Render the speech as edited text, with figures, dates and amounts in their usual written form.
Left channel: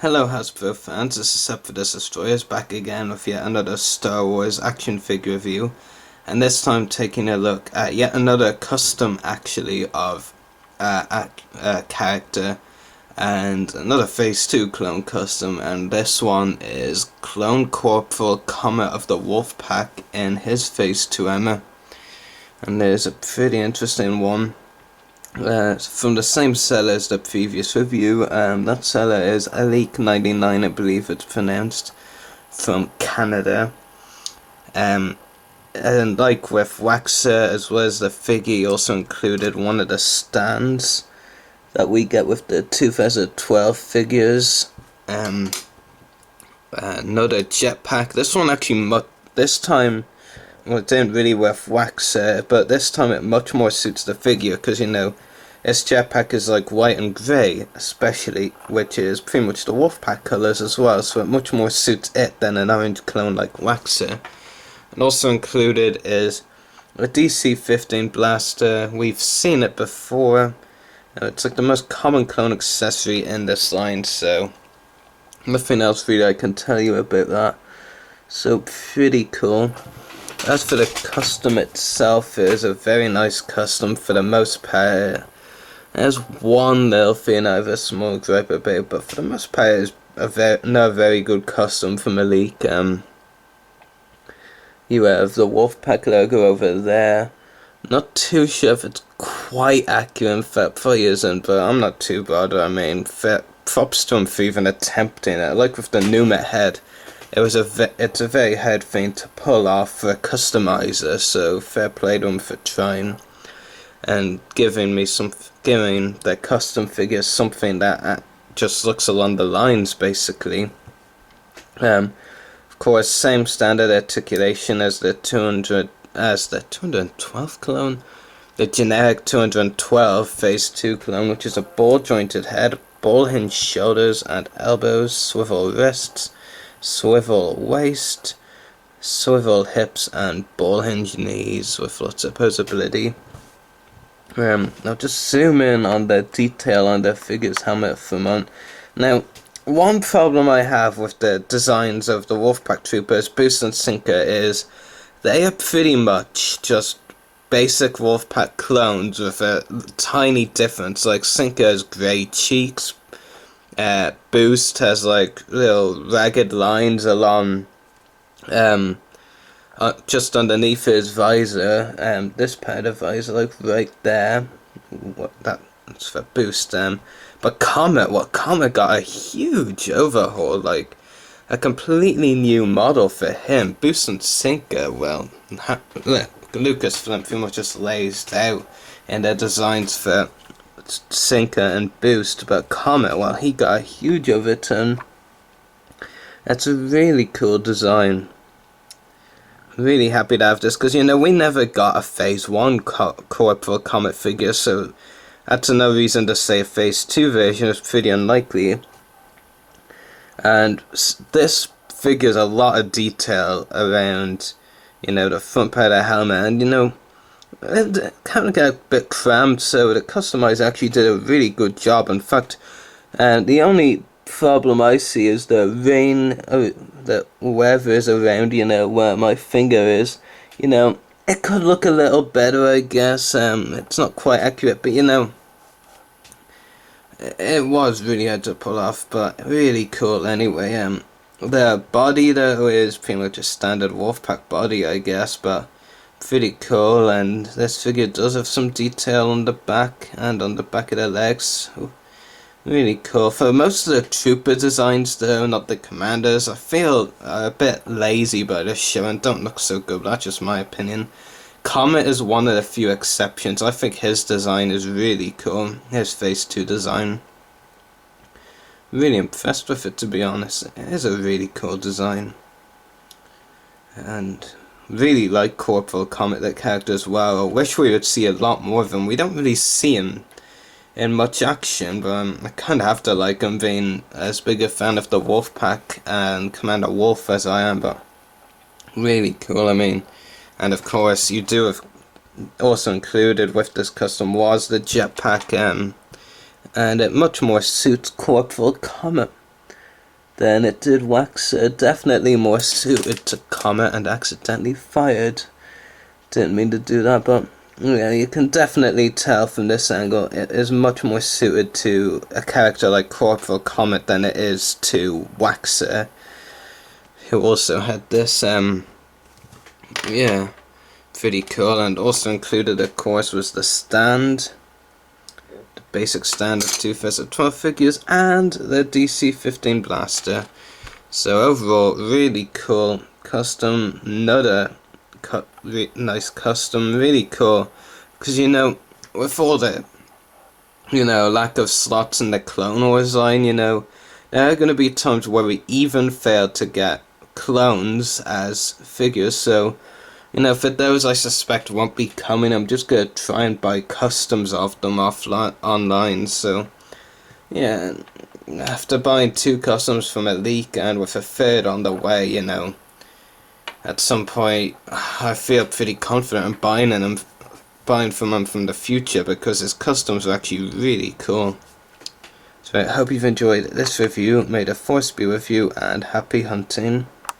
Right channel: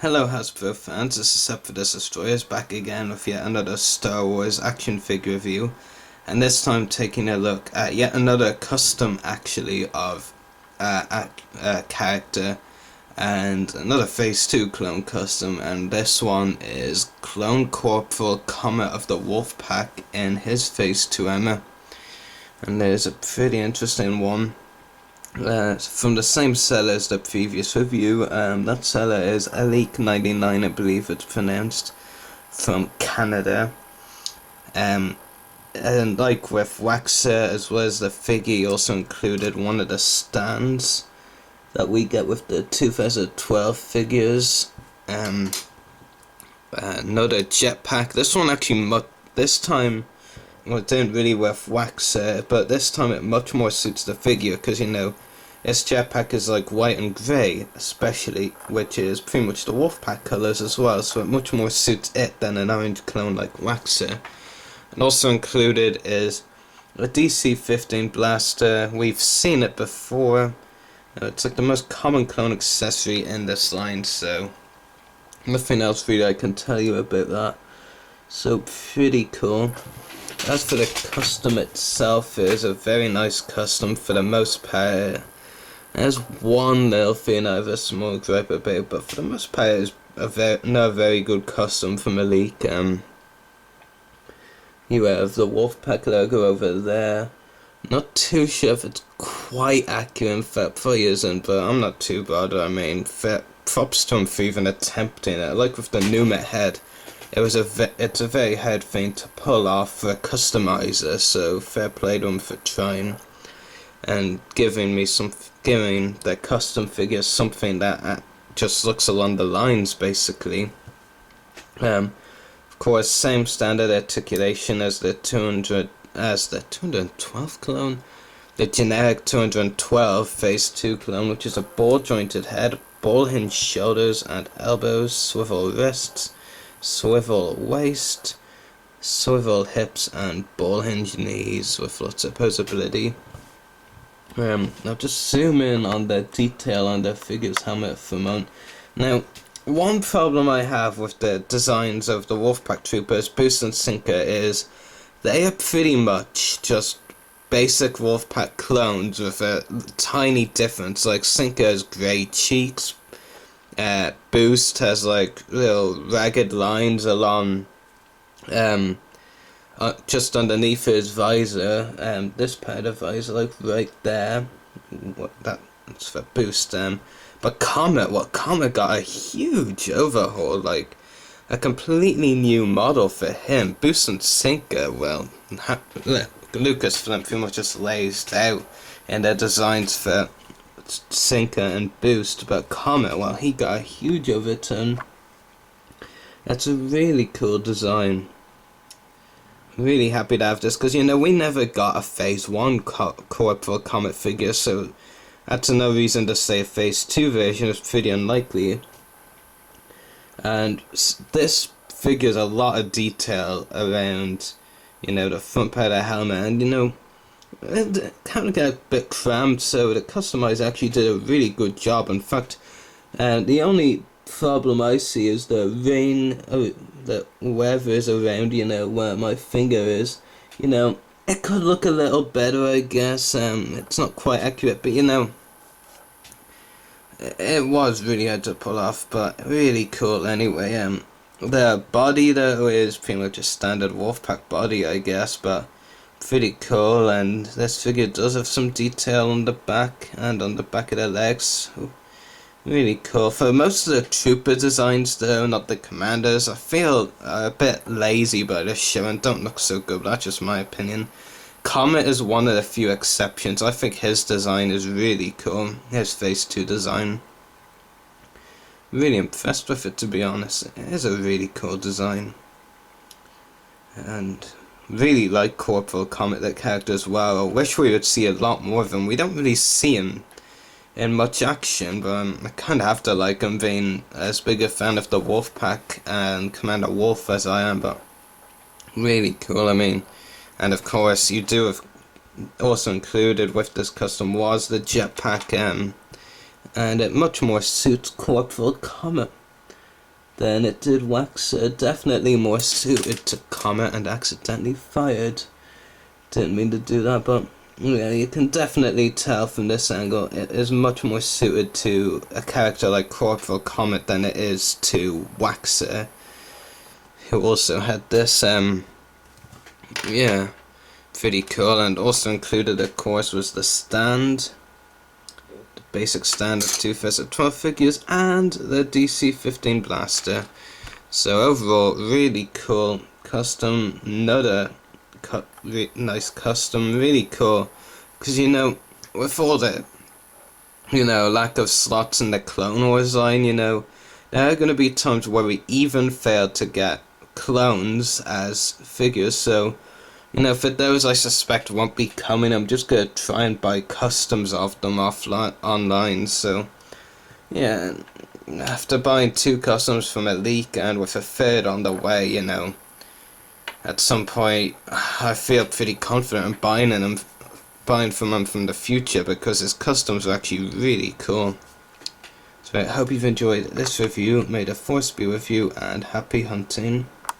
Hello Hasbro fans, this is Up for the Destroyers back again with yet another Star Wars action figure review, and this time taking a look at yet another custom actually of a character, and another Phase 2 clone custom, and this one is Clone Corporal Comet of the Wolf Pack in his Phase 2 armor, and there's a pretty interesting one. From the same seller as the previous review. That seller is Alik99, I believe it's pronounced, from Canada. And like with Waxer, as well as the figure, he also included one of the stands that we get with the 2012 figures. Another jetpack. This one actually, this time, well, it didn't really with Waxer, but this time it much more suits the figure, because, you know, its jetpack is like white and grey, especially, which is pretty much the Wolfpack colours as well, so it much more suits it than an orange clone like Waxer. And also included is a DC-15 blaster. We've seen it before. It's like the most common clone accessory in this line, so nothing else really I can tell you about that. So pretty cool. As for the custom itself, it is a very nice custom for the most part. There's one little thing I have a small gripe about, but for the most part it's not a very good custom from Malik. You have the Wolfpack logo over there. Not too sure if it's quite accurate, in fact probably isn't, but I'm not too bothered. I mean, props to him for even attempting it. Like with the Numet head, it's a very hard thing to pull off for a customizer, so fair play to him for trying and giving the custom figure something that just looks along the lines, basically. Of course, same standard articulation as the 212 clone, the generic 212 Phase 2 clone, which is a ball jointed head, ball hinge shoulders and elbows, swivel wrists, swivel waist, swivel hips, and ball hinge knees with lots of posability. Now just zoom in on the detail on the figure's helmet for a moment. Now, one problem I have with the designs of the Wolfpack Troopers, Boost and Sinker, is they are pretty much just basic Wolfpack clones with a tiny difference. Like, Sinker has grey cheeks, Boost has like little ragged lines along just underneath his visor, this part of visor, like right there. That's for Boost. But Comet got a huge overhaul, like a completely new model for him. Boost and Sinker, well, Lucasfilm pretty much just lays out in their designs for Sinker and Boost, but Comet, well, he got a huge overturn. That's a really cool design. Really happy to have this, because, you know, we never got a Phase 1 Corporal Comet figure, so that's another reason to say a Phase 2 version is pretty unlikely. And this figures a lot of detail around, you know, the front part of the helmet, and, you know, it kind of got a bit cramped, so the customizer actually did a really good job. In fact, the only problem I see is the rain, the weather is around, you know, where my finger is. You know, it could look a little better, I guess. It's not quite accurate, but, you know, it was really hard to pull off, but really cool anyway. The body, though, is pretty much a standard Wolfpack body, I guess, but pretty cool. And this figure does have some detail on the back and on the back of the legs. Really cool. For most of the trooper designs, though, not the commanders, I feel a bit lazy by this show and don't look so good, but that's just my opinion. Comet is one of the few exceptions. I think his design is really cool. His Phase 2 design. Really impressed with it, to be honest. It is a really cool design. And really like Corporal Comet, the character, as well. I wish we would see a lot more of him. We don't really see him in much action, but I kind of have to like him, being as big a fan of the Wolfpack and Commander Wolf as I am, but really cool. I mean, and of course you do have also included with this custom was the jetpack, and it much more suits Corporal Comet. than it did Waxer. Definitely more suited to Comet, and accidentally fired. Didn't mean to do that, but yeah, you can definitely tell from this angle it is much more suited to a character like Corporal Comet than it is to Waxer, who also had this, yeah, pretty cool. And also included, of course, was the stand, the basic stand of 2 Fist of 12 figures, and the DC-15 blaster. So overall, really cool custom. Another nice custom, really cool, because with all the lack of slots in the Clone Wars line, there are going to be times where we even fail to get clones as figures. So for those I suspect won't be coming, I'm just going to try and buy customs of them online. So yeah, after buying 2 customs from a leak and with a third on the way, at some point I feel pretty confident in buying from him from the future, because his customs are actually really cool. So I hope you've enjoyed this review. May the Force be with you, and happy hunting.